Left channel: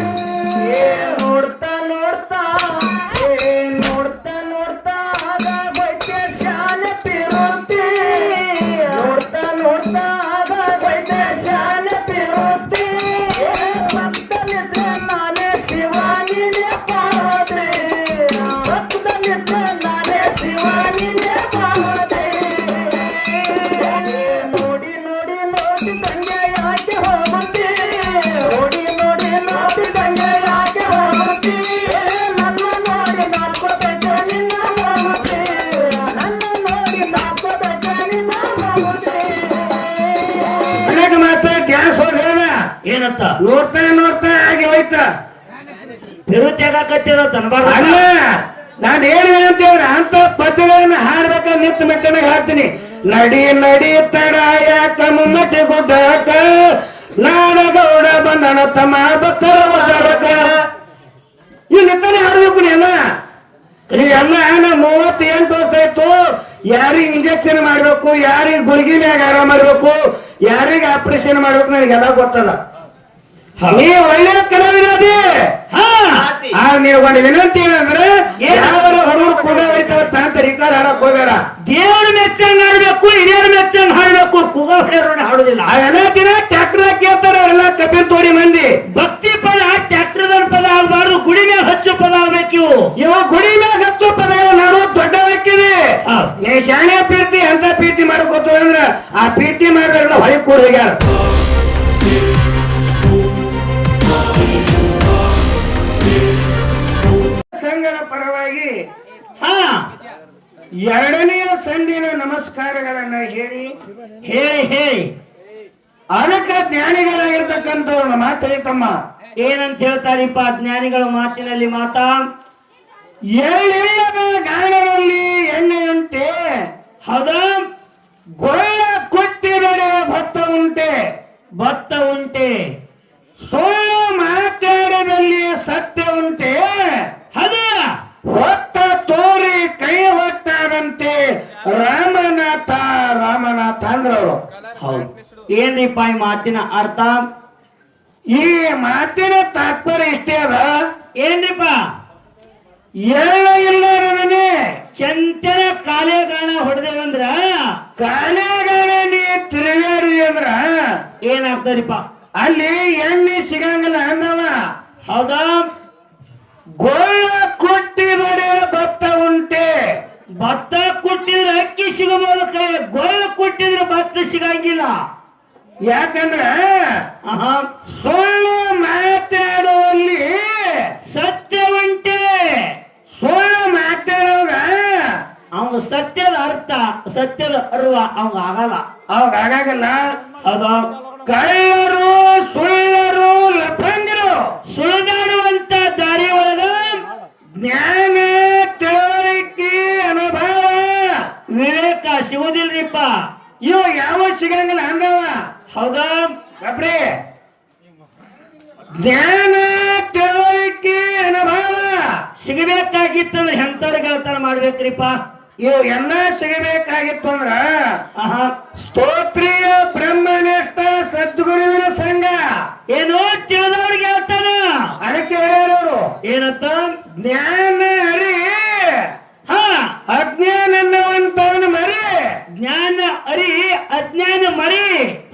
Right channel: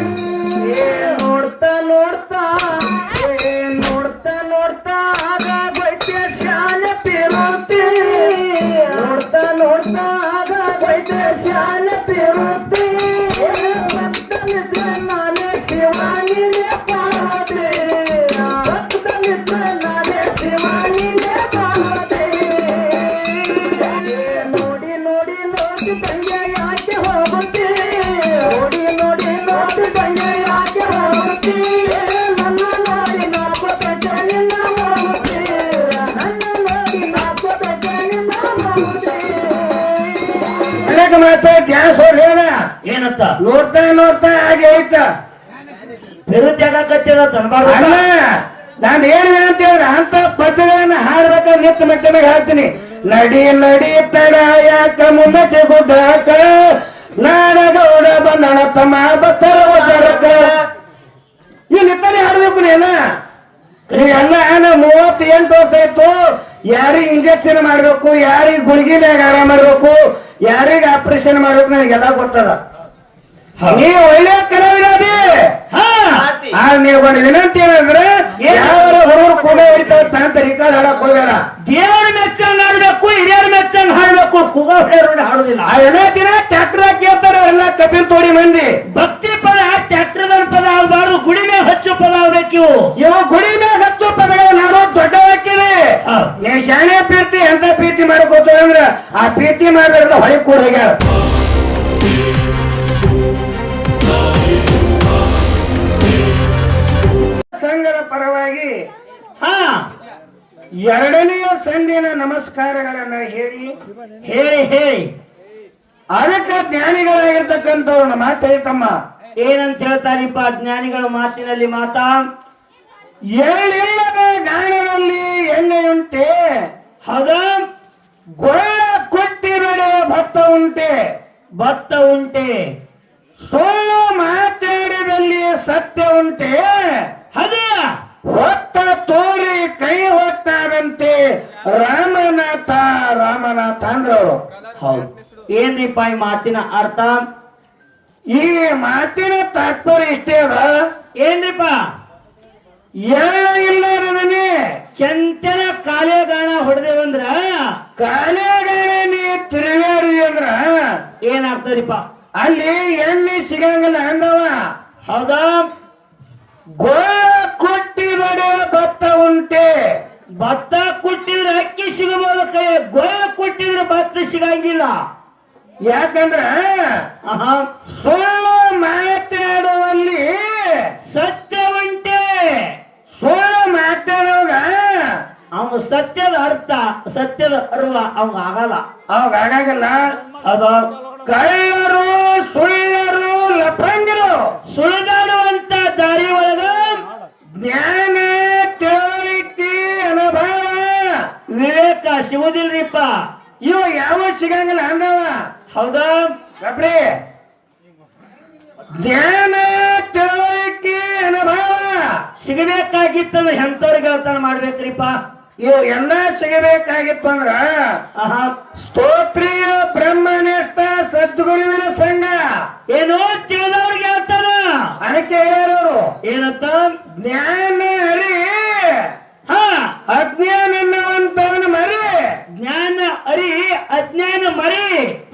Yeah. ಮಾತು gas ಹೊಡ್ಲೇನ ಏನತ್ತ ನೋಡ್ತಾ ನೋಡ್ತಾ ಹಾಗೆ ಆಯ್ತ? ನಿರುದ್ಯೋಗ ಕಟ್ಟಿರೋ ಅಲ್ಲ ನಾನು ಏನು ಅಂತ ಹೇಳ ಅಂತ ಪದ್ಯಗಳನ್ನ ಹಾಡ್ಬೇಕ ನಿತ್ತ ಮೆಟ್ಟನಾಗ ಹಾಡ್ತೀನಿ. ನಡಿ ನಡಿ ತಡ ಯಾಕ ಮುನ್ನಕ್ಕೆ ಗುಡ್ಡಾಕ. ನಾಡಗೌಡ ಬಂದಣ ತಮ್ಮ ಬತ್ತರಕ ಇಲ್ಲಿ ತಾನೇ ಹಾಡ್ಬೇಕು ನೀನ? ಎಲ್ಲ ನಾನು ವರ್ಷ ಆಯ್ತು ಯಾರಿಗೆ ಇಂಜೆಕ್ಷನ್ ಮಾಡ್ಬೇಕು? ಯಾರಿಗೆ ಗುಳಿಗೆ ಮ್ಯಾಗ ಆರಾಮ ಮಾಡ್ಬೇಕು? ಆಪರೇಷನ್ ಮಾಡ್ಬೇಕು ನನಗೆಲ್ಲ ಗೊತ್ತದ. ನೀವು ಒಳ್ಳೆ ಕಲಾವಿರಾದಿ. ಹಾ. ಆ ನೀವು ಒಂದು ವಿನಂತಿ ಏನಂದ್ರೆ ಯಾವ ಹುಡುಗರು ಕೂಡ ಹಿಡಿತಾರ ತಾಂತ ರಿಕಾರ್ಡ್ ಹಾಡಕ್ ಹೋಗ್ಯಾರ ದೇವರ ಮೆಚ್ಚಂಗ್ ಹಾಡ್ಬೇಕು ಹಿರಿಯರ ಮೆಚ್ಚಂಗ್ ಹಾಡ್ಬೇಕು ಕುಗ ಹೊಡೆಯೋರು ಹಾಡುದಿಲ್ಲ. ಆ ಎಲ್ಲ ದಿನ ಟ್ಯಾಕ್ಟರ್ ಕೇಳ್ತಾರ ಎಲ್ಲ ಕಪಿಲ್ ತೋಡಿ ಮಂದಿ. ಭಕ್ತಿ ಪದ ಟ್ಯಾಕ್ಟರ್ ಪದ ಆಗಬಾರ್ದು ಗುಡಿ ಮೇಲೆ ಹಚ್ಚು ಪದ ಆಗ್ಬೇಕು. ಇವು ಇವ ಗುಡಿ ಮ್ಯಾಗ ಹತ್ತು ಪದಗಳು ನಾನು ದೊಡ್ಡ ಹಾಕಿವಿ ಹೌದ್. ನೀ ಶಾಣೆ ಪ್ರೀತಿ ಅಂತ ಪ್ರೀತಿ ಮಾಡ್ಕೋತ ಅಂದ್ರ ಆ ಪ್ರೀತಿ ಮಾಡಿದ್ರಲ್ಲ ಹೊಳಿ ಕೂಡ ಹೋಗ್ಯಾರ ಪರವಾಗಿ ಹಾ, ಎರಡನೆಯ ಸಂಧಿನ ನಮಸ್ಕಾರಗಳನ್ನ ಹೇಳಿ ಹೇಳಿ ಹೇಳಿ ಅದಕ್ಕ ಜ್ಞಾನಿಗಳಾಗಿರ್ತಕ್ಕಂಥವ್ರನ್ನ ಹೇಳ್ತಮ್ಮ. ಏನಂತ ಹೇಳ್ತಾರಿಪ್ಪ ಜ್ಞಾನಿಗಳ ಮಾತಿನಲ್ಲಿ ಮಾತಾ? ಏಳಿಲ್ಲದ ಗಾಣದಲ್ಲಿ ಎಣ್ಣೆಯುಂಟೆ, ಹದ? ಗೊಳ್ಳ ಕೊಟ್ಟಿ ನಡೆಯುವ ಭತ್ತ ಉಂಟೆ ಭತ್ತ ಉಂಟೆ. ಸುಳ್ಳು ಮಾತಾಡದಲ್ಲಿ ಸತ್ಯ ಉಂಟೆ ಅದ ಹೊತ್ತ ತೋರಿ ಕೈ ಹೊತ್ತಾದಂತೆ ರಾಮನಾಥ ರಾಮನಾಥ ಅಂದ್ರವರು ಹೌದು. ಏನ್ರಿಪ್ಪ ಈ ಮಾತಿನ ಅರ್ಥ? ಈ ಮಾತಿನ ತಾತ್ಪರ್ಯ ಇಷ್ಟೇ ಅದ. ಏನ್ರಿಪ್ಪ ಇಲ್ಲ ರಮನೆ ಚಂಚಲ ಕಾಲೇಗಾಣ ಹೊಡೆದೇವಂದ್ರ? ಕಾಲೇಗಾಣನೆ ನೀ ತಿರುಗಾಡಿ ಅಂದ್ರ? ಏನಾಗ್ತದಿಪ್ಪ ಅಲ್ಲಿ ಎಣ್ಣೆ ಸಿಗಂಗಿಲ್ಲ ಅಂದವ. ಹೌದಾ? ಗೋಳ ಭತ್ತ ಕೊಟ್ಟಿದ್ರೆ ಅಕ್ಕಿ ಸಿಗಬಹುದು ಕೈ ಗೋಳ ಕೊಟ್ಟಿದ್ರೆ ಭತ್ತ ಸಿಗಂಗಿಲ್ಲ. ಯಾಕಂದ್ರೆ. ಸುಳ್ಳು ಮಾತಾಡುವಲ್ಲಿ ಸತ್ಯ ಉಂಟೆ ಸುಳ್ಳು ಮಾತಾಡುವಾಗ ಅವ ಸತ್ಯದ ಅರ್ಥ ಸತ್ಯದ ಅರ್ವ ಅವ ಆಗಲ್ಲ. ಅವಾಗ ಆಗಾಗಲ್ಲ? ಅದ ಕಳ್ಳರು ಸುಳ್ಳರು ಲಫಂಗರು ಸುಳಿದಾಡುವಂತ ದಾರಿ ಒಳಗ ಜ್ಞಾನ ಸಿಗುದಿಲ್ರಿಪ್ಪ? ಇವ ಯಾವ ಸಿಗಂಗಿಲ್ಲ ಅಂದವ. ಹೌದಾ? ಜ್ಞಾನ ತಿಳುವಳಿಕೆ ಅನುಭವ ಸಿಗಬೇಕಾಗಿತ್ತಂದ್ರೆ ಎಂತವ್ರಿಗೆ ಹೇಳ್ತಾನ ಮಾಡ್ಬೇಕ್ರಿಪ್ಪ? ಇವು ಎಲ್ಲ ಸಿಗಬೇಕಾಗಿತ್ತು ಅಂದ್ರ ಸ್ತೋತ್ರಿಯ ಬ್ರಹ್ಮನಿಷ್ಠ ಸದ್ಗುರುವಿನ ಸಂಘ. ಏನೋ ತಿಳಿದವ್ರಿಗೆ ಹೇಳ್ತಾನ. ಅದಕ್ಕೆ ಹೇಳೋರು ಏನಂತ ಜ್ಞಾನ ಹರಿ ಹಾ. ಅಜ್ಞಾನ ಅನ್ನುವಂತವನ ಮರಿ. ಜ್ಞಾನ ಅರಿ ಅಜ್ಞಾನ ಮರಿ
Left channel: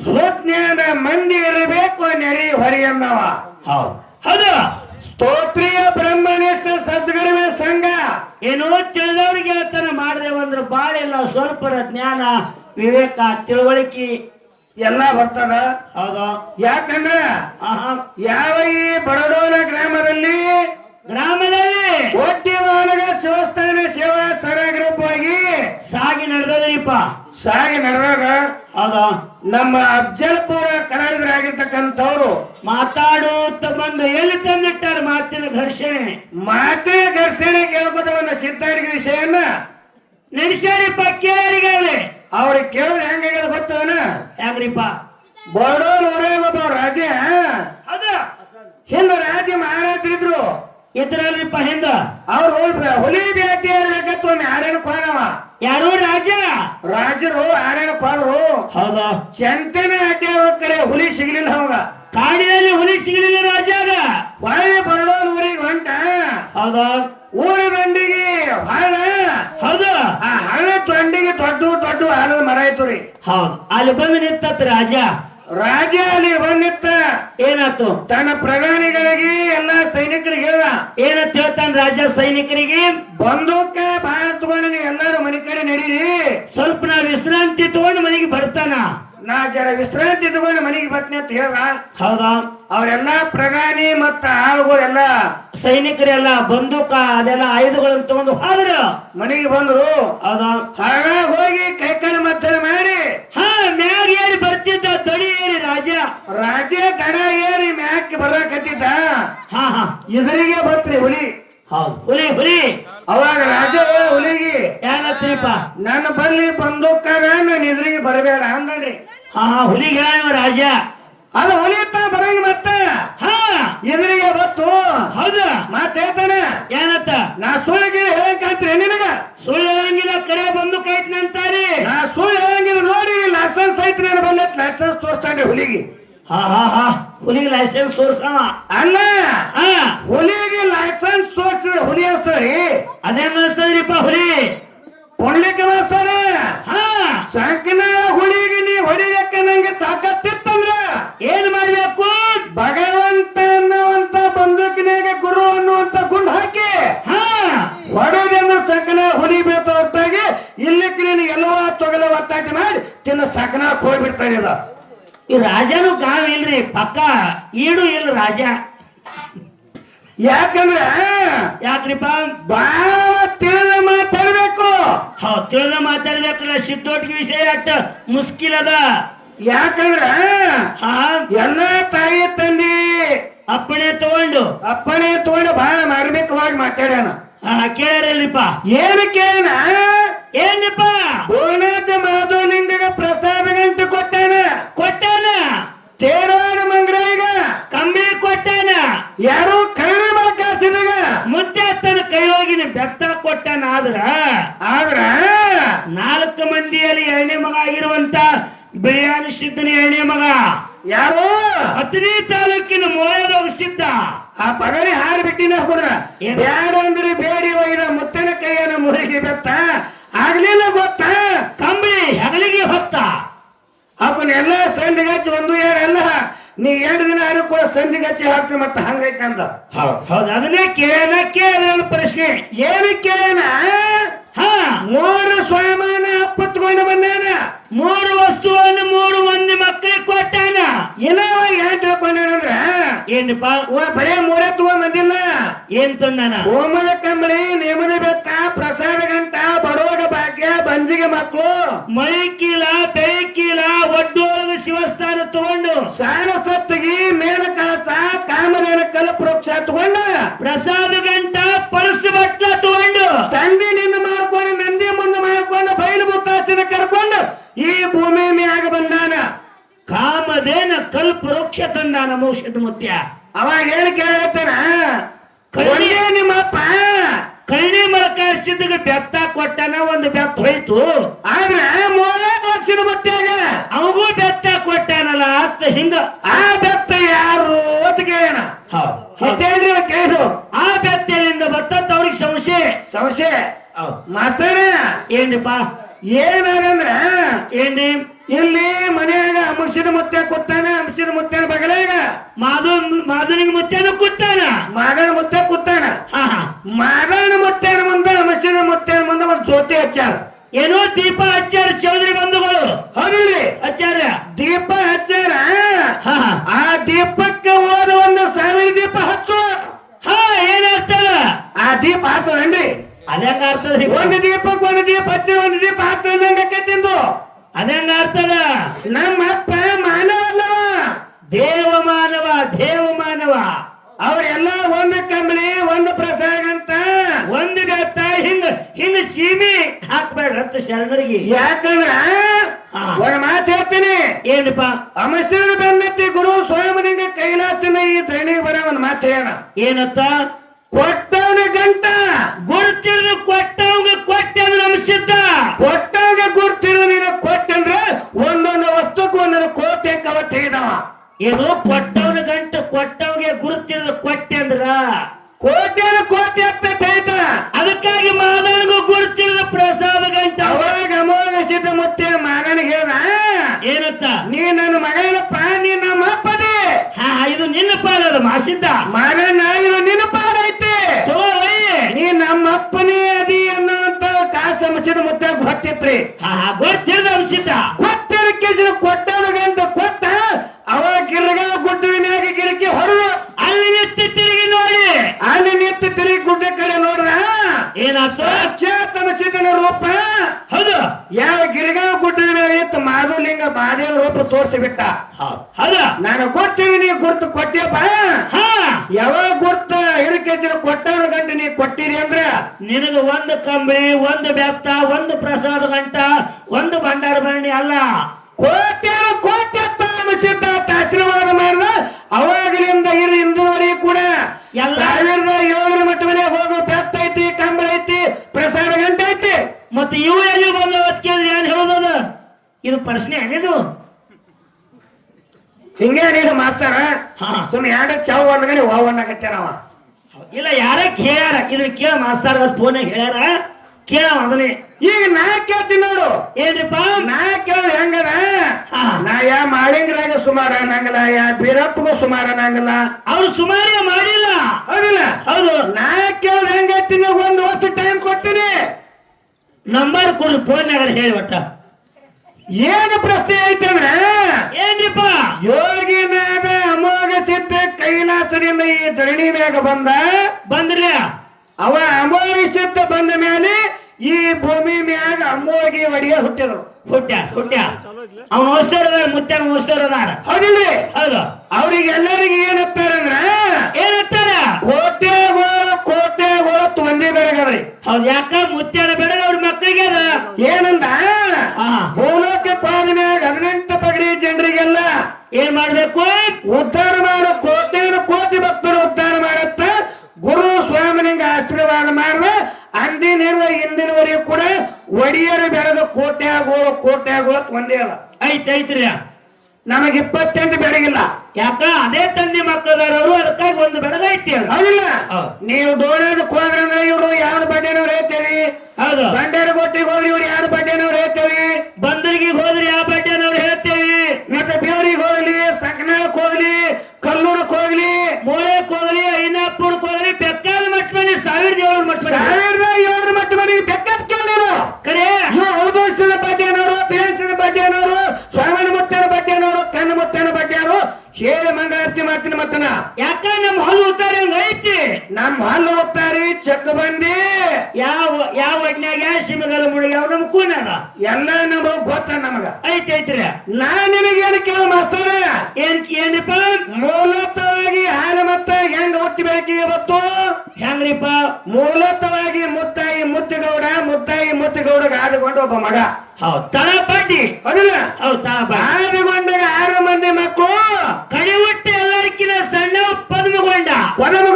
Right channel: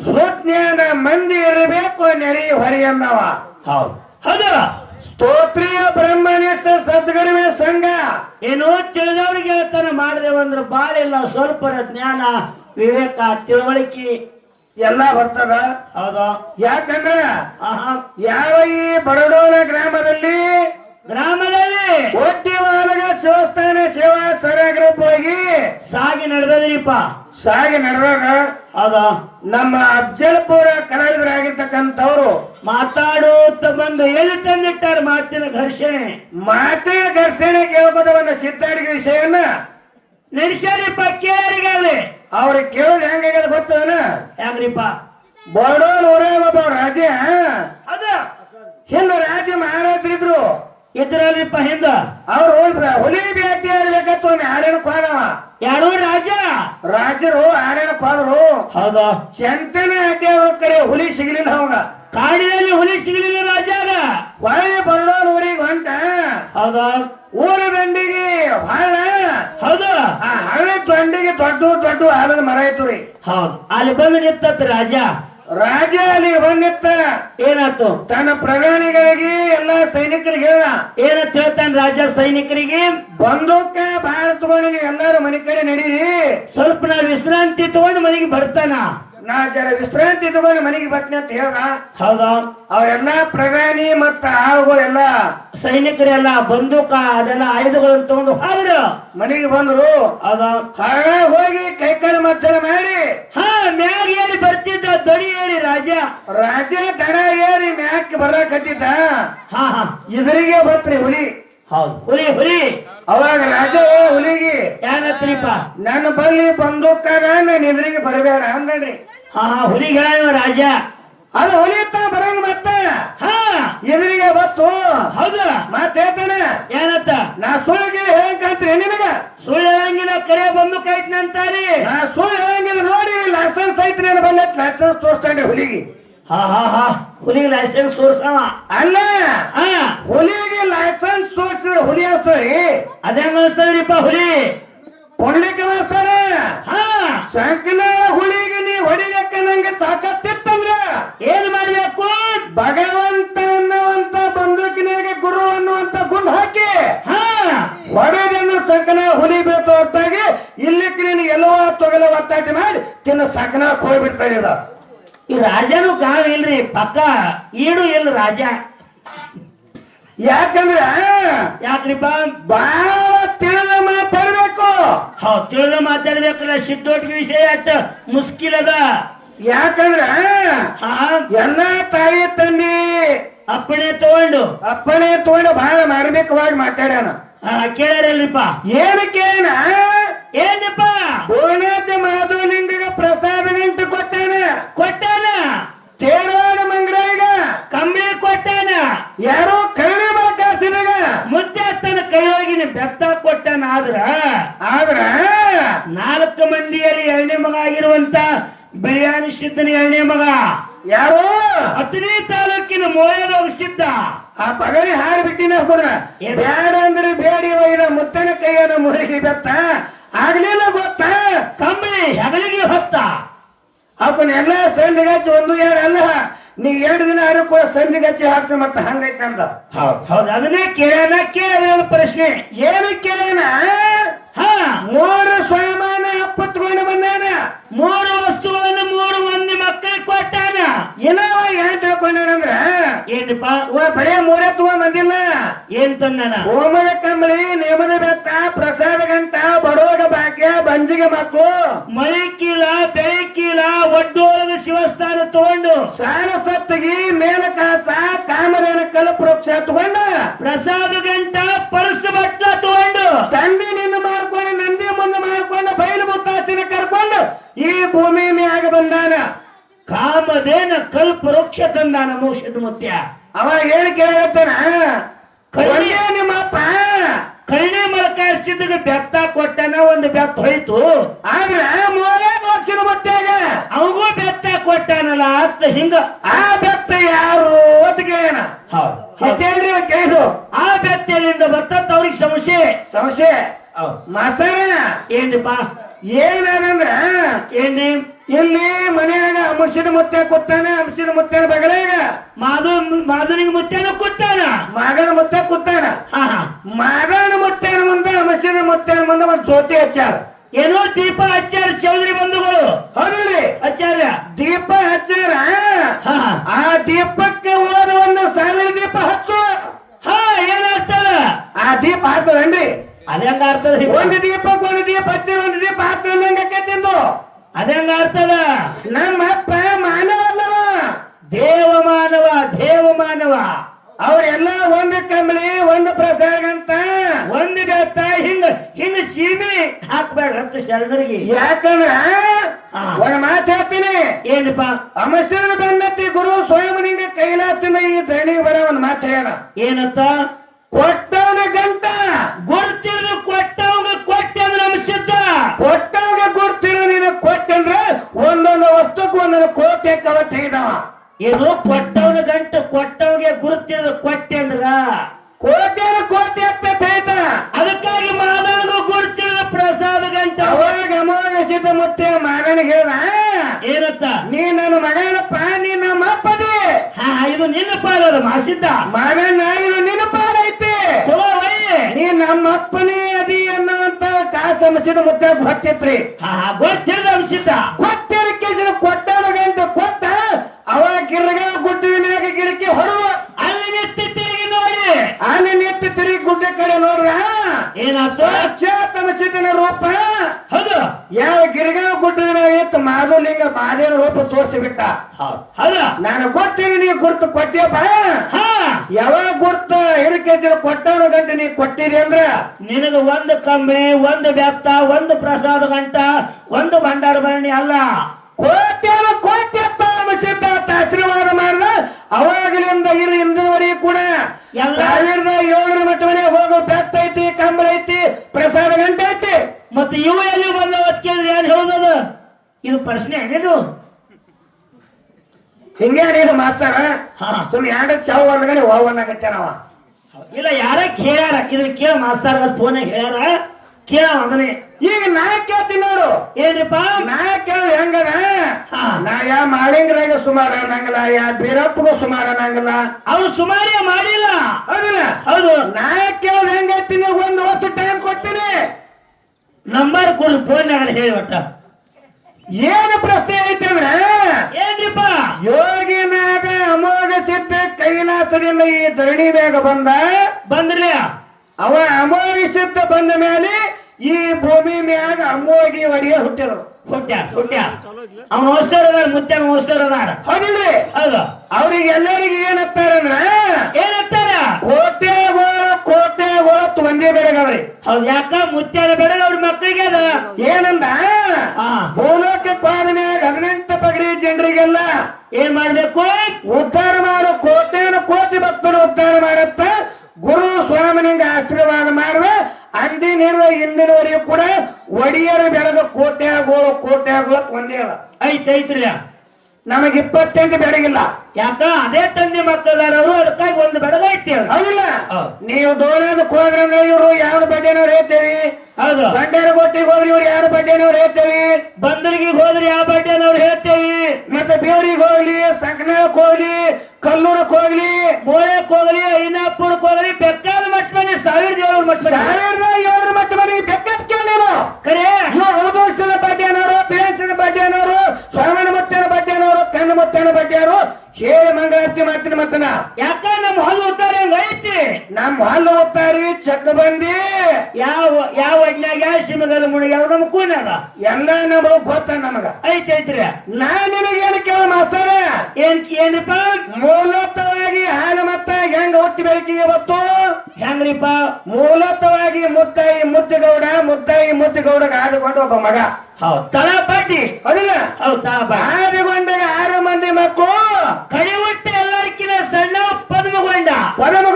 ಸ್ವಜ್ಞಾನ ಮಂದಿ ಇರಬೇಕು ನೆರಿ ಹೊರಿ ಎಂಬವ ಹೌದು. ಸ್ತೋತ್ರೀಯ ಬ್ರಹ್ಮನಿಷ್ಠ ಸದ್ಗುರುವಿನ ಸಂಘ. ಏನೋ ತಿಳಿದವ್ರಿಗೆ ಹೇಳ್ತಾನೆ ಮಾಡಿದೆವಂದ್ರೆ ಬಾಳಿಲ್ಲ ಸ್ವಲ್ಪ ಜ್ಞಾನ ವಿವೇಕ ತಿಳುವಳಿಕೆ. ಎಲ್ಲ ಬರ್ತದ? ಹೌದು. ಯಾಕಂದ್ರ ಆಹಾ. ಯಾವ ಈ ಬಡಡೋನ ಗ್ರಾಮದಲ್ಲಿ ಗ್ರಾಮದಲ್ಲಿ ಒಟ್ಟಿ ವಾಹನದ ಶಿವಸ್ಥಾನ ಸೇವಾ ಸರಿಯಾಗಿರಪ್ಪ ಹೋಗಿ ಸಾಗಿ ನಡೆದದ್ರಿಪ್ಪ ಸಾಗಿ ನಡೆದಾಗ ಹೌದಾ? ನಮ್ಮ ಅಫಜಲ್ಪುರ ಕಲಾವಿದರಾಗಿರ್ತಕ್ಕಂಥವ್ರು ಮಾತಾಡುತ್ತ ಬಂದು ಎಲ್ಲಿ ತಂದಿಟ್ಟಾರ ಮಾತಿನ ಘರ್ಷಣೆ? ಮಾತಿನ ಘರ್ಷಣೆ ಕೇಳ್ಕೊತ ಬಂದ ಸಿದ್ದಾರಿಗೆ ವಿಷಯನ ನಡೆಸ್ಯಾರಿಪ್ಪ ಕೇಳಿಗಾಗಲಿ. ಅವ್ರಿಗೆ ಕೇಳೋದು ಹೆಂಗಾಗ್ಯದ ಗೊತ್ತವನ ಹೆಂಗ್ರಿಪ್ಪ ಬಡೋನ್ ಊರೇ ಒಬ್ಬ ರಾಜ್ಯ ಅದ ಹಿಂದ ರಾಜ್ಯ ಮಹಾರಾಜರಿದ್ರು. ಇದ್ರಲ್ರಿಪ್ಪ ಹಿಂದ. ಅವ್ರು ಹುಲಿ ಒಂದು ಆರೇನು ಕೋನವ ಯಾರು? ರಾಜ? ರಾಜರು ಆರೇನು ಕೋದ್ರು ಹೌದಾ? ಚಂತನೆ ಅಡ್ಡಿ ಕರೆ ಹುಲಿ ಸಿಗ್ಲಿಲ್ಲ ಅವಂಗ. ಕಾಡಿನಲ್ಲಿ ಹುಲಿ ಸಿಗಲಿಲ್ಲ ರಾಜಾಗ ಹೊಳ್ಳಿ ಬರಡೋನ್ ಊರಿಗೆ ಹೊಂಟ. ಹೌದಾ? ಊರ ದಂಡಿಗೆ ಹೊಳ್ಳ ಹೌದು? ಆ ಹಳ್ಳ ದಂಡಿಗೆ ದೊಡ್ಡ ದೊಡ್ಡ ಆಲದ ಮರ ಇತ್ತು ರೀ. ಹೌದು. ಅಲ್ಲಿ ಬಂದು ನಿಂತತ್ ರಾಜ. ರಾಜ ಅಲ್ಲಿ ಬಂದಿತ್ತ ಏನಾಯ್ತು? ತನ್ನ ಪ್ರಧಾನಿಗಳಿಗೆ ಎಲ್ಲ ಸೈನಿಕರಿಗೆ ಏನಂತ ಹೇಳ್ತಾನೆ ರಾಜ್ಯ ಸೈನಿಕರಿಗೆ ಬಂದೋಕ ಭಾರತ ನೀವು ಎಲ್ಲಾರು ಮನೆ ಕಡೆ ನಡೀರಿ. ಸ್ವಲ್ಪ ನಾ ವಿಶ್ರಾಂತಿ ತಗೊಂಡು ಮನೆಗೆ ಬರ್ತಾನ. ನಾ ಜರ ವಿಶ್ರಾಂತಿ ತಗೊಂಡು ಮನೆಗೆ ಬರ್ತೀನಿ ಅಂತ ಹೇಳ ಹೌದಾ? ಅವರೆಲ್ಲ ಪ್ರಧಾನಿ ಮತ್ತ ಆಳುಗಳೆಲ್ಲ ಸೈನಿಕರೆಲ್ಲ ಬಂದೂಕ ಅದೆಲ್ಲ ಆಯುಧಗಳನ್ನ ತಗೊಂಡು ಹೋದ್ರು ಮನೆಗೆ ಬಂದ್ರು. ಹೌದಾ? ಹಾಗ ಹೋಗಿ ಕೈಕಾಲ ಮಚ್ಚಳ ಮಾಡಿ. ಹಾ ಮ್ಯಾಗ ಏರಿ ಬರ್ತಿದ್ದ ದಡಿ ಏರಿ ರಾಜ. ರಾಜ ದಡ ಏರಿ ಮ್ಯಾಕ್ ಬರಕತ್ತಿದ್ದ. ಹಾ ಹಾ. ಎದುರಿಗೆ ಬತ್ರಿ ಹುಲಿ. ಹೌದು. ಹುಲಿ ಹುಲಿ. ಅವಾಗ ರಾಜ ಹೇಳ ಹುಲಿಗೆ ಏನತ್ರಿಪ್ಪ ನನ್ನ ಬರ್ಲಿ ಬಂದೂಕನ ನಾನು ಎದುರಿಗೆ ಬರಬೇಡ ಅಂದ್ರಿ ಹಾ ಹಾ ಹುಲಿಗೆ ರಾಜ. ಅದು ಹುಲಿ ಬರಂಗ ಮತ್ತ. ಹಾ. ಎದುರಿಗೆ ಬತ್ತು. ಹೌದು. ಮತ್ತೆ ಹೇಳ್ತಾನ? ಏನತ್ತ ನಾ ಸುಳ್ಳು ಕೇಳಿ ಹೇಳಕ್ಕಾಗ್ತೀರಿ ನಿನಗ? ಸುಳ್ಳು ಹೇಳಂಗಿಲ್ಲ ಕರೆ ಬಂದೂಕ ಐತ್ನಂತಾರಿ ನಾ ಸುಳ್ಳು ಹೇಳಂಗಿಲ್ಲ ನೋಡಿ ಲೈಸೆನ್ಸ್ ಐತ್ರಿ ಬಂದೈತಿ ಲೈಸೆನ್ಸ್ ತೋರಿಸ್ತಾನೆ ಹುಲಿಗೆ. ಹಾ ಹಾ ಹಾ. ಹುಲಿಗೆ ಲೈಸೆನ್ಸ್ ತೋರ್ಸವ ಅಲ್ಲ ಹುಲಿಗೆ ಲೈಸೆನ್ಸ್ ತೋರಿಸಿದ್ರೆ ಹುಲಿ ಹಚ್ತಾರೆ ಅದೇ ಮಾಡ್ತಾರಿಪ್ಪ ಹುಲಿ. ಕೊಡ್ಲಿಕ್ಕೆ ಹಾ. ಶಂಕನಾಳ ಹುಲಿಗೆ ನೀ ಹೊಡಿಲಿಕ್ಕ ನಂಗೆ ತಾಕತ್ತಿತ್ತಂದ್ರ? ಏನ್ ಮಾಡ್ಬೇಕು? ಭಗವಂತ ಅನ್ನುವಂತ ಬಂದೂಕಿನಾಗ ಗುರು ಅನ್ನುವಂತ ಗುಂಡು ಹಾಕಿ. ಹಾ. ಹೊಡೆದನ್ನು ಸಕನ ಹುಲಿ ಬೀಳ್ತು ಹೊತ್ತಾಗಿ ಇಲ್ಲಿಕ್ಕೆ ನೀನು ಎಲ್ಲೋ ತೊಗಲ ಒತ್ತಾಟಿ ಮಾಡಿ ತಿನ್ನ ಸಕನ ಹೋಗ್ಬಿಡ್ತಾನೆ ಇದು ಈ ರಾಜನು ಇಲ್ರಿ ಪಕ್ಕ ಈಡು ಇಲ್ಲ ರಾಜ? ಯಾಕಂದ್ರ ಯಾಕ್ರಿಪ್ಪ? ಬಾಳ ತಿಳಿದ ಮಾತಾಡ್ಬೇಕು. ಹೌದ್ ತಿಳಿದ ಮಾತಾಡ್ಬೇಕಲ್ಲ ಸಿದ್ದೋಟಿಗೆ ವಿಷಯ ಆಯ್ತು ಮುಸ್ಕಿಲದ ಅದ ಯಾಕಂದ್ರ ಆ ಎಲ್ಲ ತಾಯಿ ತಂದೆ ಅಪ್ಪಣೆ ತಗೊಂಡು. ಅಪ್ಪಣೆ ತಗೊಂಡು ಬಹಳ ಮಾರ್ಮಿಕವಾಗಿ ಮಾತಾಡ್ಯಾನ. ಹಾ ಏನು? ಏನಕ್ಕೇನ ಏನಪ್ಪ ಭುವನೇಶ ಮಾಧವಲಿಂಗಗ ಪ್ರಸಾದ ಗಂಟೆ ಕೊಟ್ಟಾನ? ಕೊಟ್ಟಾನ? ತೇರು ಕೊಟ್ಟಾನ ಯಾರೋ ಕರುಣೆ ಬಳಕಾಸಿದಾಗ ಮುತ್ಯಾಸ್ತನ ಕೈ ನೀನ್ ಬೆತ್ತ ಕೊಟ್ಟಾನ ಆದ್ರ ಆದ್ರ ನಾಲ್ಕು ಮಂದಿಯಲ್ಲಿ ಎರಡನೇ ಮಗ ಆಗಿರುವಂತ ಬಿರಿಯಾನಿ ಸಿದ್ದನ ಎರಡನೇ ಮಗ. ಯಾರೋ? ಹತ್ತನೇ ತಾಲೂಕಿನ ಮೂಲದ ಸಿದ್ಧ. ಆ ಪಗಡಿ ಹಾರಿ ಬಿಟ್ಟಿನ ಹುರ ಬೇಡ ಅಂದ್ರೆ ಬೇಡಿ ಒಯ್ದ ಮುತ್ತನ ಕೈಯನ ಮುರುಗಿ ಬೆತ್ತ. ಆಗ್ಲಿಲ್ಲ ಗೊತ್ತ? ಕಂಬಳಿ ಹೆಗಲಿಗೆ ಹೊತ್ತ. ಅವನ್ನೆಲ್ಲ ಸಂಧಿಗಚ್ಚಿ ಒಂದು ಯಾರಲ್ಲ. ನೀ ಎರಡು ದಿನ ಆದ್ರೂ ಕೂಡ ಸಂಧಿಗಚ್ಚಿ ಹಾಕ್ತ ಮತ್ತೆ ಹಂಗೈತೆ ಹೌದು. ಹೌದು ಅದನ್ನೇ ಕೇಳ ಕೇಳ ಪ್ರಶ್ನೆ. ಏನಕ್ಕೇನ ಹಾ. ಮೂರು ಸಾಮಾನ ಅಪ್ಪತ್ಕೊಂಡು ಬಂದಾನ. ಮೂರು ವಸ್ತುಗಳನ್ನು ಮೂರು ಮಂದಿ ಮಕ್ಕಳಿಗೆ ಕೊಟ್ಟಾನ. ಏನೋ ಏನ್ ತಿಳ್ಕೊಂಡಾನಂದ್ರ ಏನಪ್ಪ ಬರೇ ಮೂರೇ ತಗೊಂಡ್ ಬಂದಿಲ್ಲ. ಏನ್ ತಂದಾನ? ಓಮನ ಕಂಬಳಿ ನೇಮನ ಬೆತ್ತ ಪ್ರಸಾದ ಗಂಟ ಭಾಗ್ಯ ಬಂಜಿಗೆ ಮಕ್ಕಳು. ಮಳೆ ಬೆಳಕಿಲ್ಲ ಬೆಳೆ ಒಡ್ಡೋರದ ಶಿವಸ್ಥಾನ ತಗೊಂಡು. ಸಾರ ಸತ್ತಿಗೆ ಮೇಲ ಕಾಸ ಕಾಮರೇನ ಕಲ ವೃಕ್ಷ ತಗೊಂಡ. ಪ್ರಸಾದ ಗಂಟ ಪರಸು ಬಟ್ಟ ತಗೊಂಡು. ತಂದೆ ನಿನ್ನ ಮಾಡ್ಕೊಂಡು ನಂದಿ ಮುಂದೆ ಮಾಡ್ಕೊಂಡು ಬಯಲು ಮುತ್ತಾಸಿನ ಕರ್ಕೊಂಡು ಈ ಭೂಮಿ ಮ್ಯಾಗ ಬಂದಾನ. ಕಾಮದೇನ ಕಲ್ಪ ವೃಕ್ಷ ತಂದಾನ ಮೋಕ್ಷದ ಮುತ್ಯ. ಅವಾಗ ಹೇಳಿ ಕೇಳತ್ತೇನ ಸಮಸ್ಯೆ. ಸಂಶಯ ಮಾಸ್ತರ. ಏನ್ರಿಪ್ಪ? ಏನಂದ್ರ ಏನ್ರಿ? ಇಲ್ಲಿ ಮನ್ಯಾಗ ಅಂಶದ ಮುತ್ತೆ ಕೂತಾನ ಅಂಶದ ಮುತ್ತೆ ಬಗಲಾಗ? ಮಾಧವ ಮಾಧವನಿಗೆ ಮುತ್ತೆನ ಕೊಟ್ಟಾನ ಮಗನ ಮುತ್ತೆ ಕೊತ್ತಾನ ಮಗನ ಮುತ್ತೇನ ಮುಂದೆ ಅಂಶದ ಮುತ್ತೇನ ಮುಂದೆ ಒಂದು ಜೋತಿ ಹಚ್ಚಾರ ಏನೋ ದೀಪ ಹಚ್ಚಾರ ಚೌಧರಿ ಬಂಧುಗಳು? ಹೌದಿಲ್ರಿ ಹಚ್ಚಾರ ದೀಪ ಹಚ್ಚಾರ. ಆ ದೀಪಕ್ಕೆ ಹೋದ ಒಂದು ಸಾವಿರ ದೀಪ ಹತ್ತು ಹಾ ಏನಾಗ್ತದ ಆ ದೀಪ ಹಾಕ್ತದನ್ರಿ ಅದೇನ್ ಆಗ್ತದ ಒಂದು ದೀಪ ಒಂದು ದೀಪ ಹಚ್ಚಿ ಒಂದು ದೀಪ ಹಾಕ್ತದಂಗ ತಿಂದು. ಅದೇನ್ ಆಗ್ತದ ನಮ್ಮ ಅಪ್ಪ ಮಾನವ ಅಲ್ಲವ ದೇವ ಮಾನವ ದೇವ ಮಾನವ. ಅವ್ರೆಲ್ಲ ಒಂದು ಕಂಬಳಿ ಒಂದು ಪ್ರಸಾದ ಅಂತ. ಒಂದು ಗತ್ತ ಹಿಂಗ ಹಿಂಗ ಸೀಮೆ ಹಾಕ್ಬೇಡ ಅಂತ ಶರಣರಿಗೆ. ಯಾಕಂದ್ರ ಒಂದು ಮಾತು ಹೇಳ್ತೀನಿ. ಏನಪ್ಪ ಅಮಸ್ತರ ಬೆನ್ನತ್ತಿ ಗುರು ಸ್ವಯಂಲಿಂಗ ಕೈಲಾಸನ ಈ ಧರಣಿ ಬರ ಒಂದ್ ಮಾತು ಹೇಳ. ಏನತ್ತ? ಕೊಟ್ಟವನ ಗಂಟ. ಗುರುತಿಳಿದು ಕೊಟ್ಟವಂಗ ಕೊಟ್ಟೆ ಅಂದ್ರೆ ಅಂಶಿದ್ದ ಕೊಟ್ಟವನ ಗುರ್ತಿಳಿದು ನೀನು ಕೊಟ್ಟಂದ್ರೆ ಒಂದೊಂದು ವಸ್ತುக்கு ಒಂದೊಂದು ಕೋಟೆ ಕವತ್ ತೆಗೆದವ. ಏನು ಕೊಟ್ಟವನ ಗಂಟ ಕೊಟ್ಟವಗೆ ಗುರುತಿರೋದು ಕೊಟ್ಟೆ ಅಂದ್ರ? ಕೋಟೆ ಕೋಟಿ ಆಯ್ತಾ ಅದಕ್ಕಾಗಿ ಮಾದನಿಗೂ ಗುರುತಿರೋದು ಪ್ರಸಾದ ಗಂಟ. ಅವಾಗ ಅಮೋಘ ಸಿದ್ಧ ಮತ್ತೆ ಮಗನಿಗೆ ಹೇಳ ಏನಂತ? ನೀ ನನ್ನ ಮಗನಪ್ಪ ನೀ ನಮ್ಮ ಅಪ್ಪದೇ ಹಾ ಇದು ನಿನ್ನ ಪಾಲದ ಮಾಸಿದ್ದ ಮಗನ ಗೊತ್ತಿತ್ರಿ ಗೊತ್ತಿಲ್ಲ ಅನ್ಸಿದ್ದ. ಕೊಟ್ಟರ ಕೆಜಿ ಕೊಟ್ಟವನಿಗೆ ಅಂತ ಕೊಟ್ಟ ಅವ ಗಿರ್ಗ ಗುಡ್ಡಿನಾಗ ಗಿರಕಿ ಹೊರುವ ಅಲ್ಲಿ ನಿಂತು ತಿರುಗಿ ನೋಡಿ. ಅಲ್ಲಿ ನಿಂತು ತಿರುಗಿ ಗುಡ್ಡ ಕಡೆ ನೋಡ್ರ. ಏನಾಯ್ತು? ಚೇತನ ಚಿತನ ರೂಪ. ಯಾವ ಗಿರ್ಗ ಗುಡ್ಡದ ಮ್ಯಾಗ ಇತ್ತು ಮಾಧುಲಿಂಗ ಮಾದೇವ ರೂಪ ತೋರಿಸಿ ಬಿಟ್ಟ. ಹೌದು. ನಾನು ಕೊಡ್ತೀನಿ ನೀ ಗುರ್ತು ಕೊಟ್ಟಿಯಪ್ಪ ಹಾ. ಯಾವಾಗ ಗುರ್ತ ಹಿಡಿಕೆತ್ತಿರ ಕೊಟ್ಟವನ ಗಂಟೆ ನೀ ಕೊಟ್ಟಿರಿ ಅಂದ್ರ? ನಿನಗೆ ಒಂದು ಕಂಬಿ ಒಂದು ಬೆತ್ತ ಒಂದು ಪ್ರಸಾದ ಗಂಟ ಒಂದು ಭಂಡಾರ ಬರಣಿ ಅಲ್ಲ. ಕೋಟ್ಯಾನ ಕೋಟ್ಯ ಸಿದ್ಧಾರ್ಥ ಆಶೀರ್ವಾದ ಮಾಡಿದ ಅವಾಗಲಿಂದ ಇನ್ನು ಹಿಂದೂವರಿ ಕೂಡ. ಎಲ್ಲ- ಸಾವಿರದ ಏಳರ ಮಟ್ಟವನೇ ಹೋಗೋ ಬೆತ್ತ ಐತಿ ಕಂಬಳ ಐತಿ ಪ್ರಸಾದ ಗಂಟೆ ಐತಿ. ಮತ್ತೆ ಇವು ಎಲ್ಲಿ ಬಂದವತ್ ಕೇಳಿದ್ರೆ ಯಾರು ಹೇಳೋದ? ಇದು ಪ್ರಶ್ನೆ ಏನಿದು ಹಿಂಗೆ ನೀನು ಮಾಸ್ತರ. ಸುಮ್ಮನೆ ಯಾರ ಚಾವ್ ಅಂದ್ಗಡೆ ಹೋವನ್ನಾಗತ್ತೆ ನಾವ ಇಲ್ಲ ಯಾರ ಕೇಳ್ಯಾರ? ಇದು ಕೇಳ ಮಾಸ್ತಾರ ಫೋನ್ ಹೇಳ್ಯಾರ. ಕೇಳ ಅದನ್ನೇ ಈಗ ನಾ ಕೇಳ್ತೀನಿ ನೋಡು. ಏನ್ರಿಪ್ಪ ನಾ ಕೇಳ ಹೆಂಗನ. ನಾ ಯಾ ಮಾಡಿಂಗ್ರಾಗ ಸುಮಾರ ಅನ್ನಂಗಿಲ್ಲ ಯಾ ಬೀರಪ್ಪಗೂ ಸುಮಾರ ಅನ್ನಂಗಿಲ್ಲ. ಅವ್ರು ಸುಮಾರೇ ಮಾಡಿಲ್ಲ. ಹೌದಿಲ್ಲ? ಹೌದು. ನಾ ಕೇಳ ಹೆಂಗೈತಿ ನೀವು ಒಂದು ಹೊತ್ತು ಟೈಮ್ ಕೊಡ್ತೀನಿ. ನಂಬರ್ ಕೊಡು ಫೋನ್ ಹೇಳಿ ಒಟ್ಟ. ಏನು ಪ್ರಶ್ನೆ ಐತೆ ಅಂದ್ರೆ? ಯೋಗಿ ಮ್ಯಾಗ ಅಮೋಘ ಸಿದ್ಧ ಕೈಲಾಸದಿಂದ ಈ ಧರಣಿ ಮ್ಯಾಗ ಬಂದ. ಬಂದ್ರೆ ಅವ ಅಮೋಘ ಸಿದ್ಧ ಬಂದ ಮೇಲೆ ಈ ಭೂಮಿ ಮ್ಯಾಗ ಅಮೋಘಿ ಒಡೆಯ ಹುಟ್ಟಿದ್ರು. ಹುಟ್ಟ ಹುಟ್ಟ ಅವನ ಹೋಸ್ಟರ್ ಮುತ್ಯಾನ ಹೋಸ್ಟರ್ ಅದಾರ. ಹೌದಿಲ್ಲ ಹೌದು. ಅವ್ರಿಗೆ ಎಲ್ಲರಿಗೆ ಏನತ್ತಾರ ಏನತ್ತಾರ? ಕೋಟೆ ಗೋಳ ಕೋಟೆ ಗೋಳ ಒಂದೇ ಬೆಳಗದ್ರಿ ಹೌದು ಯಾಕ? ಮುತ್ಯಾದ ಬೆಳೆ ಅವ್ರ ಮಕ್ಕಳಿಗೆ ಅದ. ಏನಂದ? ಹಾ. ಭೂಲೋಕ ಪಾಲನ್ಯಾಗ ಹದಿನೆಂಟು ಪಗಡಿ ಜನರಿಗೆಲ್ಲ ಏನ್ ಮಾಡ್ಬೇಕು? ಉದ್ಧಾರ ಮಾಡು. ಕೋಟೆಯ ಕೋಟಿ ಭಕ್ತರು ಉದ್ಧಾರ ಮಾಡತ್ತ. ಗುರು ಸ್ವಾಮಿನಿಂದ ಆಶೀರ್ವಾದ ಮಾಡಿದ. ಅಂದಿನಿಂದ ಹಿಂದಿನವರೆಗೂ ಕೂಡ ಒಡಿಯರು ಬೆಳೆದ ಕೋಟೆ ಆಗೋ ಕೋಟೆ ಆಗೋತ್ ಒಂದೇ ಅದ. ಐತ್ ಐತ್ರಿ ನಮಗೆ ಇಪ್ಪತ್ತೆಂಟು ಬೆಳಗಿಲ್ಲ ಯಾಕ? ಅದೇ ತಂದೆ ಮಕ್ಕಳಾರರು ಅದಕ್ಕಾಗಿ ಒಂದು ಬೆಳಗ ಐತಿ. ಹೌದಿಲ್ಲ? ಹೌದು. ನೀವು ದೋಣಿಯನ್ನು ಹೋದ್ರಂದ್ರೆ ಇವರು ಯಾರು ಬಡ್ಡಿನವ್ರು ಹೇಳ್ತೇವೆ ಹೌದು. ಬಂಡಾರ ಕೊಟ್ಟಿಗೆ ಹೋದ್ರೆ ಇವ್ರು ಯಾರು ಬಡ್ಡಿನವ್ರು ಹೇಳ್ತೇವೆ ಬಂದರಿಗೆ ಹೋದ್ರೆ ಯಾವ ಬಡ್ಡಿ ಅನ್ನೋರು ಹೇಳ್ತೇವೆ ಮತ್ತೆ ಬೇವ್ರಿಗೆ ಹೋಗ್ಲಿ ಸಂಕನಕ್ಕೆ ಹೋಗ್ಲಿ ಕಲ್ಲೂರಕ್ ಹೋಗ್ಲಿ. ಮೋಳಕ್ ಹೋಗ್ಲಿ ಐನಾಪುರಕ್ ಹೋಗ್ಲಿ ಬೆಕ್ಕಾದ ಮಠ ಮನೆ ಸಾವಿರದ ಏಳು ಮಠ ಮನೆ ಸಾವಿರದ ಏಳು ಮಟ್ಟ ಮನೆ ಬೆಕ್ಕತ್ ಕೇಳಿರೋ ಕರೆ. ಅನುಭವಿಸಿದ ಬಡ್ಡಿಯನವರು ಪೇನ್ಸಿನ ಬಡ್ಡಿಯನವರು ಸ್ವಾಮಿನ ಮುತ್ತನ ಬಡ್ಡಿಯನವರು ಕಣ್ಣು ಮುತ್ತನ ಬಡ್ಡಿಯವರು ಹೇಳಿ ಮಂಗಳಾರತಿ ಮಾಡ್ತೀನಿ ಮತ್ತನ ಯಾಕ ನಮ್ಮ ಹೊಲ ಉತ್ತಾರೆ ಐತಿ ನಮ್ಮ ಹಾಲು ಹೋಗ್ತಾರಿ ಚಕ್ ಬಂದಿ ಯಾವ ಯಾವ ಅಜ್ಞಾಗ ಶಿಮಗಲ್ ಮುಳುಗಿ ಯಾವ ನಮ್ಮ ಕೂನಾರ ಎಲ್ಲ ನಮಗ್ ಗೊತ್ತ ನಮಗ. ಐತಿ ಐತ್ರಿ ನಾ ನಿನಗೇನು ಕೇಳ ಮಾಸ್ತರ? ಏನ್ ಏನಪ್ಪ? ಮೂಲತವಾಗಿ ಹಾಲು ಮತ್ತ ಹೆಂಗ್ ಒಟ್ಟಿ ಬೆಳಕಿಗೆ ಇವತ್ತು ಹೆಂಗ್ರಿಪ್ಪ? ಮೂಲತವಾಗಿ ಮುತ್ತಾಯಿ ಮುತ್ತುಗೌಡ ಮುತ್ತಾಯಿ ಮುತ್ತಗೌಡಗ ಆಡಿಕೊಂಡು ಒಬ್ಬ ಮಗ. ಹೌದ್. ತಳ ಪಾಟಿ. ಹೌದಿಲ್ಲ? ಹೌದ್ ತಳ ಪಾಟಿ. ಆದಿಗೊಂಡಾಗ ಆರು ಮಂದಿ ಮಕ್ಕಳು. ಕಡಿ ಹುಟ್ಟಿ ಎಲ್ಲರಿಗಿನ ಸಣ್ಣ ಪದ್ಮಗೊಂಡ. ಪರಮಗೊಂಡ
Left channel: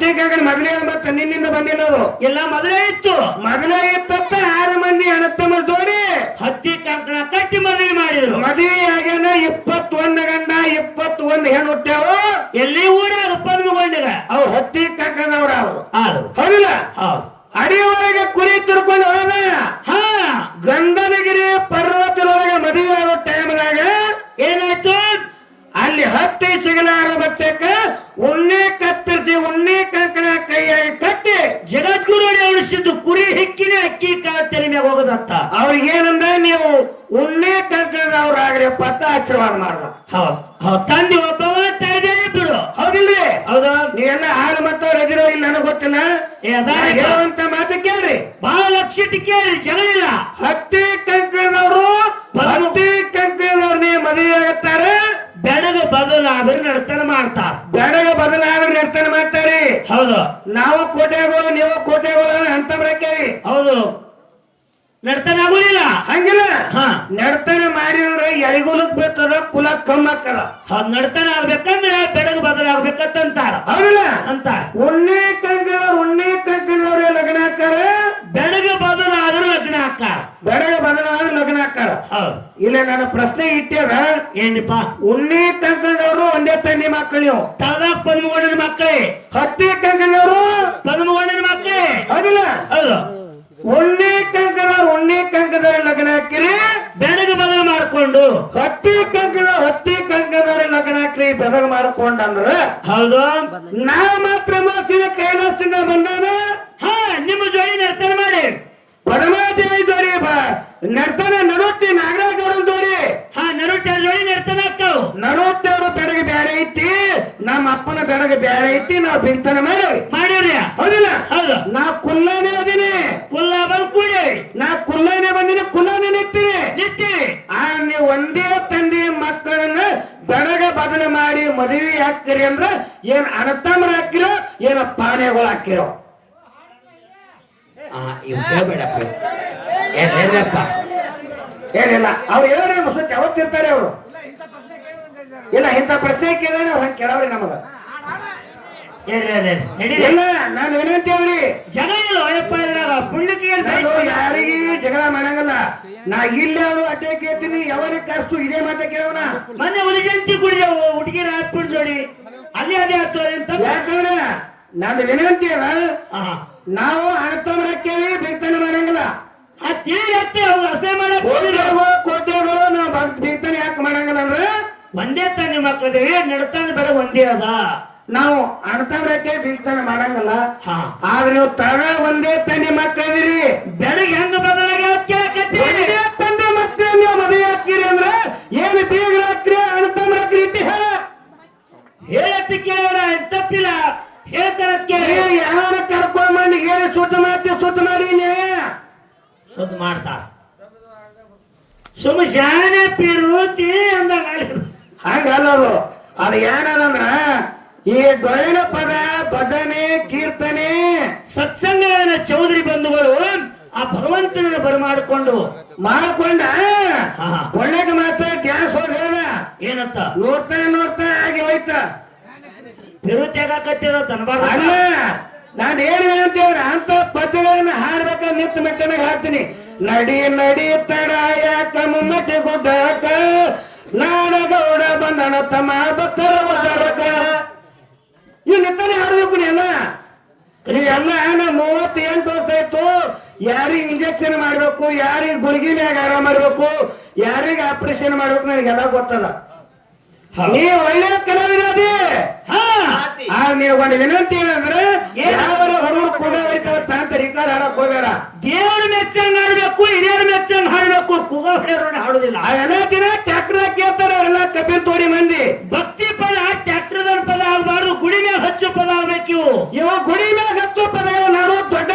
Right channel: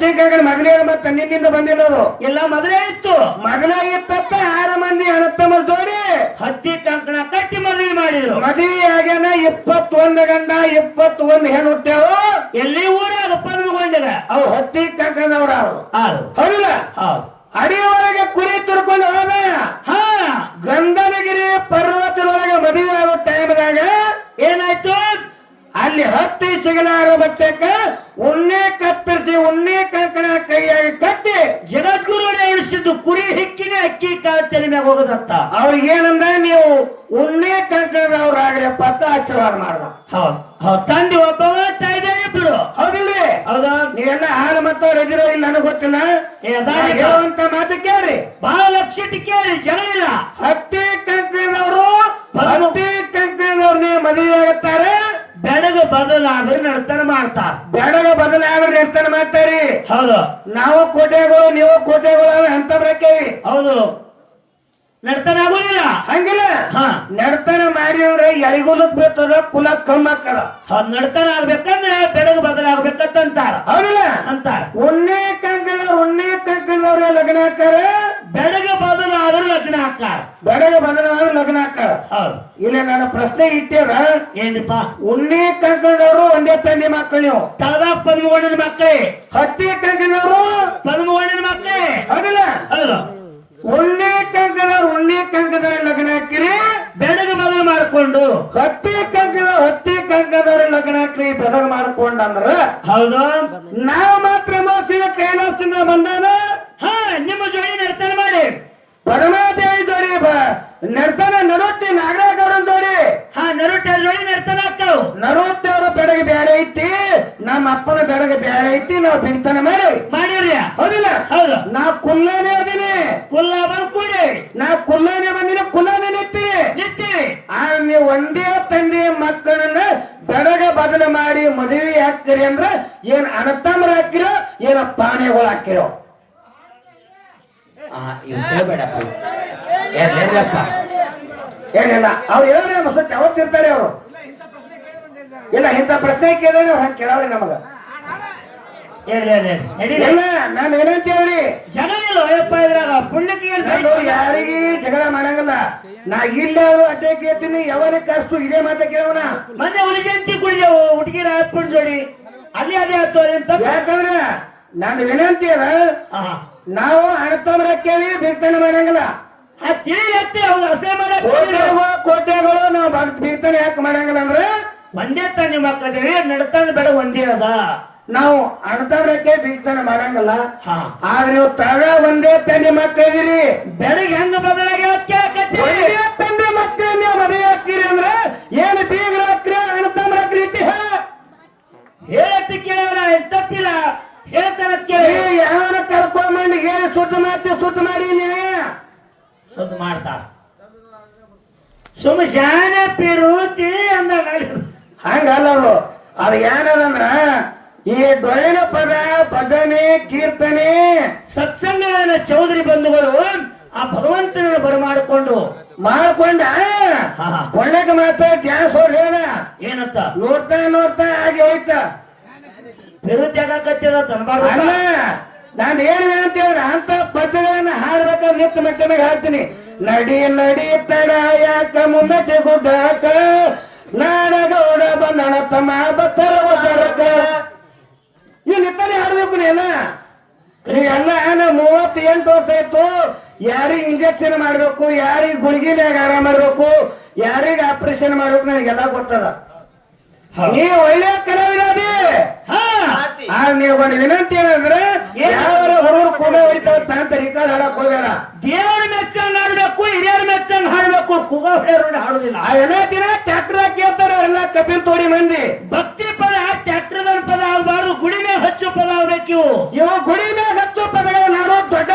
ಆದ ಮಗನೇ ಮತ್ತೆ ನಿನ್ನಿಂದ ಬಂದಿರೋದು ಎಲ್ಲ ಮದುವೆ ಇತ್ತು. ಮದುವೆ ಇತ್ತಪ್ಪ ಆರು ಮಂದಿ ಅಣ್ಣತಮ್ಮ ಜೋಡಿ. ಹತ್ತಿ ಕಂಕಣ ಕಟ್ಟಿ ಮದುವೆ ಮಾಡಿದ್ರು. ಮದುವೆ ಆಗ್ಯಾನ ಇಪ್ಪತ್ತೊಂದು ಗಂಡ ಇಪ್ಪತ್ತೊಂದು ಹೆಣ್ಣು ಎಲ್ಲಿ ಊರ ಅವ್ರು ಅವು ಹತ್ತಿ ಕಕ್ಕನವ್ರ ಅವರು ಹೌದು ಹೌದಿಲ್ಲ ಹೌದು ಅಡಿಯೊಳಗೆ ಕುರಿ ತುರ್ಕೊಂಡು ಹೋದ ಹಾ ಗಂಧನಗಿರಿ ಪರ್ವತದೊಳಗೆ ಮದುವೆ ಆಗೋ ಟೈಮ್ದಾಗ ಏನಾಯ್ತು ಅಲ್ಲಿ ಹತ್ತಿ ಸಿಗಲಾರ ಬಚ್ಚಕ್ಕ ಉಣ್ಣೆ ಕತ್ತರಿಸಿ ಉಣ್ಣೆ ಕಂಕಣ ಕೈಯಾಗಿ ಕಟ್ಟಿ ಜಗದ್ಗುರು ಉಳಿಸಿದ್ದು ಕುರಿ ಹಿಕ್ಕಿನ ಅಕ್ಕಿ ಮ್ಯಾಗ ಹೋಗೋದತ್ತ ಅವ್ರಿಗೇನಂದ ನೀವು ಉಣ್ಣೆ ಕಂಕಣದವ್ರಾಗ್ರಪ್ಪ ಅಂತ ಆಶೀರ್ವಾದ ಮಾಡ್ದ. ಹೌದು. ತಂದೆ ಒಬ್ಬವ ತಾಯಿದೆ ಇಬ್ರು ಹೌದಿಲ್ರಿ? ಹೌದಾ. ನೀ ಎಲ್ಲ ಹಾಳು ಮತ್ತವ್ರ ಎದಿರೋ ಇಲ್ಲ ನನಗೆ ಗೊತ್ತಿಲ್ಲ. ಹೇಳುವಂತ ಮಾತು ಕೇಳ್ರಿ. ಬಹಳ ಲಕ್ಷಿತ ಕೇಳಿ ಜನ ಇಲ್ಲ. ಹತ್ತಿ ಕಂಕಣದವರು ಹತ್ತಿ ಕಂಕಣದವ್ರು ನೀವು ಮದುವೆ ಆಗುತ್ತಾರೆ. ಬೆಳಗ್ಗೆ ಬದಲಾದ್ರೆ ನರ್ತನ ಮಾಡ್ತಾರ ಬೆಳಗ ಬದಲಾದ್ರೆ ನರ್ತನ ಮಾಡ್ತಾರಿ. ಹೌದು. ನಾವು ಕೋಟೆಗಳು ನೀವು ಕೋಟೆಗಳು ಅಂತ ಬರಕೇವಿ ಹೌದು. ನರ್ತನ ಆಗುದಿಲ್ಲ. ಹಂಗಿಲ್ಲ. ಹಾ. ನರ್ತನ ಮಾಡಿದ್ರೆ ಎಳಿಗುಲಕ್ ಬೀಳ್ತದ ಕುಲ ಕಮ್ಮ ಆಗ್ತದ ಹೌದ್ ನರ್ತನ ಆಗ್ಬೇಕಂದ್ರೆ ಬೆಳಗ್ಗೆ ಅಂತಾರ. ಹೌದಿಲ್ಲ. ಅಂತಾರ. ಉಣ್ಣೆ ಕಂಕಣವ್ರು ಉಣ್ಣೆ ಕಂಕಣವ್ರು ಲಗ್ನ ಹಾಕ್ತಾರೆ. ಕಂಕಣದವ್ರು ಲಗ್ನ ಹಾಕಾರ ಇಲ್ಲ ನನ್ನ ಪ್ರಶ್ನೆ ಇಟ್ಟೇರ ಏನಿಪ್ಪ ಉಣ್ಣಿ ಕಂಕಣದವರು ಒಂದೇ ತಂದೆ ಮಕ್ಕಳು. ತಾದಾ ಪದ್ಮಗೊಂಡಿನ ಮಕ್ಕಳೇ? ಹತ್ತಿ ಕಂಕಣದವರು ಪದ್ಮಗೊಂಡಿನ ಮಕ್ಕಳೇ? ಹೌದಲ್ಲ? ಹೌದು. ಉಣ್ಣಿ ಕಂಕಣದವ್ರು ಉಣ್ಣಿ ಕಂಕಣದವ್ರ ಲಗ್ನ ಹಾಕಿರಿ. ಬೆಳಗ್ಗೆ ಬದಲು ಮಾಡಿಕೊಂಡು. ಹತ್ತಿ ಕಂಕಣ ಹತ್ತಿ ಕಂಕಣದವ್ರ ಲಗ್ನ ಹಾಕ್ರಿ ಬದಲು ಮಾಡ್ಕೊಂಡಂದ್ರ ಹೌದು ನಾವ್ ಮಾತ್ರ ಮೋಸಿನ ಕೈಲಾಸದಿಂದ ಬಂದಾನ ಹಾ ನಿಮ್ಮ ಜೋಡಿ ನರ್ತನ ಮಾಡಿ ಪರಮಾದೇವಿ ಜೋಡಿ ಬ- ನರ್ತನ ನರೊಟ್ಟಿ ನಾಗರಾಜವ್ರನ್ ಜೋಡಿ ಹಾ ನರುಟ ಜೋಡಿ ನರ್ತನ ಆಗ್ತಾವ್ ನರವತ್ತೇವ್ರ ಬೆಡಗೆ ಬೇರೆ ಐತಿ ನಮ್ಮ ಅಪ್ಪನ ಬೆಡಗೆ ಬೇರೆ ಐತಿ ನಾವು ಬಿಂತನ ಮಾಡಿ ಮಾಡಿರ್ಯ ಹೌದಿಲ್ಲ ಹೌದು ನಾ ಕುಲ್ಲಾನೇ ಅದೀನಿ ಕುಲ್ಲ ಬಂದ್ ಕೂಡಿ ನಾ ಕುಲ್ಲಾನೇ ಬಂದಿನ ಕುಲ್ಲಾನೇ ನಿಂತೀನಿ ನಿಂತೀವಿ ಆ ನೀವು ಒಂದೇ ತಂದೆ ಮಕ್ಕಳನ್ನ ದಡಗ ಬದಲ ಮಾಡಿ ಮದುವೆ ಹಾಕ್ತೀರಿ ಅಂದ್ರ ಏನ್ ಅಣತಮ್ಮರ ಹಾಕಿರೋ ಏನ ಪಾನೆಗಳು ಹಾಕಿರೋ ಏನಿಲ್ಲ ಅವ್ರು ಹೇಳೋರಿ ಸುತ್ತ ಯಾವತ್ತಿರ್ತಾರೆ ಅವರು? ಇಲ್ಲ ಇಂಥ ಪ್ರಶ್ನೆ ಕೇಳಿದ್ರೆ ಅವ್ರು ಹಂಗೆ ಕೇಳವ್ರಿ ನಮಗ. ಇಲ್ಲ ನಾನು ಏನಂತ ಜನ ಇಲ್ಲ ಅಯ್ಯಪ್ಪ ಇದ್ರಾಗ. ಪುಣ್ಯಕ್ಕೆ ಯಾರಿಗೆ ಜಗಳ ಮಾಡಂಗಿಲ್ಲ. ನಾ ಇಲ್ಲ ಅವರು ಅಡ್ಡೆ ಕೇಳ್ತೀನಿ. ಯಾವಾಗ ಕರ್ಸು ಇದೇ ಮಾತ ಕೇಳೋಣ. ಮೊನ್ನೆ ಉಳಿಜಂತಿ ಕುಡಿದೆವು ಹುಡುಗಿನ ಹಾಕ್ಬಿಡ್ ಜೋಡಿ. ಅದೇ ಅದೇ ಹತ್ತು ಯಾಕಂದ್ರ ನಾನು ವಿನಂತಿ ಹಾ. ನಾವು ಅಣತಮ್ಮರ ಕೇಳಿ ಬಿರ್ತನೆ ಮಾಡಂಗಿಲ್ಲ. ಕೋಟೆಗಳು ನಾವು ಬಿರ್ತನೆ ಯಾಕೆ ಮಾಡಂಗಿಲ್ಲ ಅಂದ್ರೆ? ಒಂದೇ ತಾನಿ ಮಕ್ಕಳಿಗೆ ನಡ್ತಾನೆ ಬೇಡ ಒಂದೇ ಅದ. ನಾವು ಅಣತಮ್ಮರ ಕೇಳಿ ಮಾಡಂಗಲ್ಲ. ಆದ್ರೆ ನೀವು ತಳ ಒಂದೇ ತಂದೆ ಮಕ್ಕಳಿದಿರಿ ಬೆಳಗ್ಗೆ ಹೆಂಗ ಬದಲಾಗಿ ತಂದೆ ಮಕ್ಕಳು ನೀವು ಮದುವೆ ಆಗ್ತೀರಿ ಅಂದ್ರೆ ಏನು ಬೀಗ ರಾತ್ರಿ ಅಣತಮ್ಮರ ಹಾಕ್ರಿ ಹೇಳ ಹೇಳತ್ತ ಕೇಳ ತಪ್ಪಿಲ್ಲ. ಹೇಳ್ತಾರ ಕೇಳಿ. ಯಾವನ ಕರ್ಕೊಂಡ್ ಹೇಳಿ ಸುತ್ತ ಮಾಡ್ತೀವಿ ಸುತ್ತ ಮಾಡಿ ನ್ಯಾಯ? ಸುತ್ತ ಮಾಡ್ತಾರ. ಸುಮ್ಮ ಶಾನೆ ಪೀರು ತಿಳಿ ಅಂದಾಗ. ಹಂಗಲ್ಲ ಅವ್ರು. ಅದು ಏನದಂದ್ರ ಈ ಡೊಳ್ಳಿನ ಪದ ಬದನೆ ಕೀರ್ತನೆ ಸತ್ಸಂಗನ ಚೌಧರಿ ಬಂಧುಗಳು ಆ ಭಗವಂತನ ಬರಮಾಡಿಕೊಂಡು ಮಾಡ್ಕೊಂಡ ಒಳ್ಳೆಗೆ ಮಾತ್ರ ಗ್ಯಾಸ್ ಹೊಡ್ಲೇನ ಏನಂತ? ನೋಡ್ತಾ ನೋಡ್ತಾ ಹಾಗೆ ಹೋಯ್ತ. ನಿರುದ್ಯೋಗ ಕಟ್ಟಿದ ಅಲ್ಲ ನಾನು ಏನ್ ಅಂತ ಹೇಳ ಅಂತ ಪದ್ಯಗಳನ್ನ ಹಾಡ್ಬೇಕಾದ್ರೆ ನಿತ್ ಮೆಟ್ಟನಾಗ ಹಾಡ್ತೀನಿ. ನಡಿ ನಡಿ ತಡ ಯಾಕ ಮುಮ್ಮತಿ ಗುಡ್ಡಾಕ ನಾಡಗೌಡ ಬಂದಣ ತಮ್ಮ ಎಲ್ಲ ಏನ ನಾ ಮೂವತ್ತು ಎಂಟು ವರ್ಷ ಆಯ್ತು. ಯಾರಿಗ್ ಇಂಜೆಕ್ಷನ್ ಮಾಡ್ಬೇಕು ಯಾರಿಗ್ ಗುಳಿಗೆ ಮ್ಯಾಗ ಆರಾಮ ಮಾಡ್ಬೇಕು ಯಾರಿಗ ಆಪರೇಷನ್ ಮಾಡ್ಬೇಕು ನನಗೆಲ್ಲ ಗೊತ್ತದ. ನೀ ಒಳ್ಳೆ ಹಾ. ನೀವು ಒಂದು ವಿನಂತಿ ಏನಂದ್ರೆ ಯಾವ ಹುಡುಗರು ಕೂಡ ಹೊಡಿತಾರ ತಾಂತ ರಿಕಾರ್ಡ್ ಹಾಡಕ್ ಹೋಗ್ಯಾರ ದೇವರ ಮೆಚ್ಚಂಗ್ ಹಾಡ್ಬೇಕು ಹಿರಿಯರ್ ಮೆಚ್ಚಂಗ್ ಹಾಡ್ಬೇಕು ಕುಗ ಹೊಡೆಯೋರು ಹಾಡುದಿಲ್ಲ. ಎಲ್ಲ ದಿನ ಟ್ಯಾಕ್ಟರ್ ಕೇಳ್ತಾರ ಎಲ್ಲ ಕಪಿಲ್ ತೋರಿ ಮಂದಿ. ಭಕ್ತಿ ಪದ ಟ್ರ್ಯಾಕ್ಟರ್ ಪದ ಆಗಬಾರ್ದು ಗುಡಿ ಮೇಲೆ ಹಚ್ಚು ಪದ ಆಗ್ಬೇಕು ಇವು. ಇವ ಗುಡಿ ಮೇಲೆ ಹಚ್ಚು ಪದಗಳು ನಾನು ದೊಡ್ಡ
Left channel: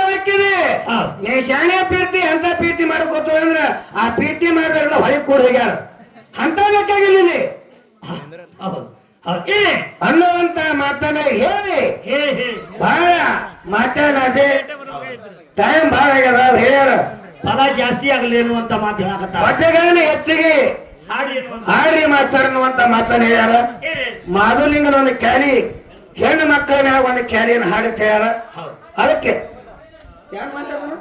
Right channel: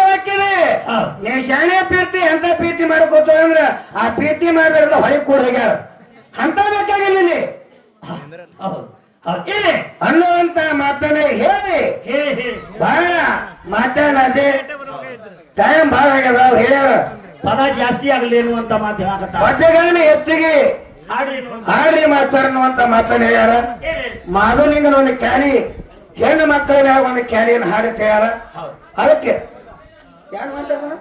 ಹೌದ್. ನೀ ಶಾಣೆ ಪ್ರೀತಿ ಅಂತ ಪ್ರೀತಿ ಮಾಡ್ಕೋತ ಅಂದ್ರೆ ಆ ಪ್ರೀತಿ ಮಾಡಿದ್ರೆಲ್ಲ ಹೊಳಿ ಕೂಡ ಹೋಗ್ಯಾರ ಅಂತ ಬೇಕಾಗಿಲ್ಲ ಇಲ್ಲಿ ಅನ್ನುವಂತ ಮಾತನ್ನ ಹೇಳಿ. ಬಹಳ ಮಾತಾಡದೆ ಟೈಮ್ ಭಾಳ ಆಗ್ಯದ ಅವ್ರು ಹೇಳ್ಯಾರ. ಪದ ಜಾಸ್ತಿ ಆಗಲಿ ಅನ್ನುವಂತ ಮಾತು ಹೇಳಕತ್ತ ಪದ್ಯಗಳನ್ನ ಹೆಚ್ಚಿಗೆ ಹಾಡಿ ಮಾಡ್ತಾರೆ ಮಾಸ್ತರ್ ಅನ್ನುವಂತ ಮಾತನ್ನ ಹೇಳ್ಯಾರ. ಹೇಳಿ ಮಾಧುಲಿಂಗನ ಒಂದು ಕ್ಯಾರಿ ಹೆಣ್ಣು ಮಕ್ಕಳ ಮ್ಯಾಗ ಒಂದು ಕ್ಯಾರಿಯನ್ನು ಹಾಡುತ್ತೆ ಹೇಳ್ಯಾರ. ಅದಕ್ಕೆ ಯಾರು ಮಾತಾಡ್ತಾರ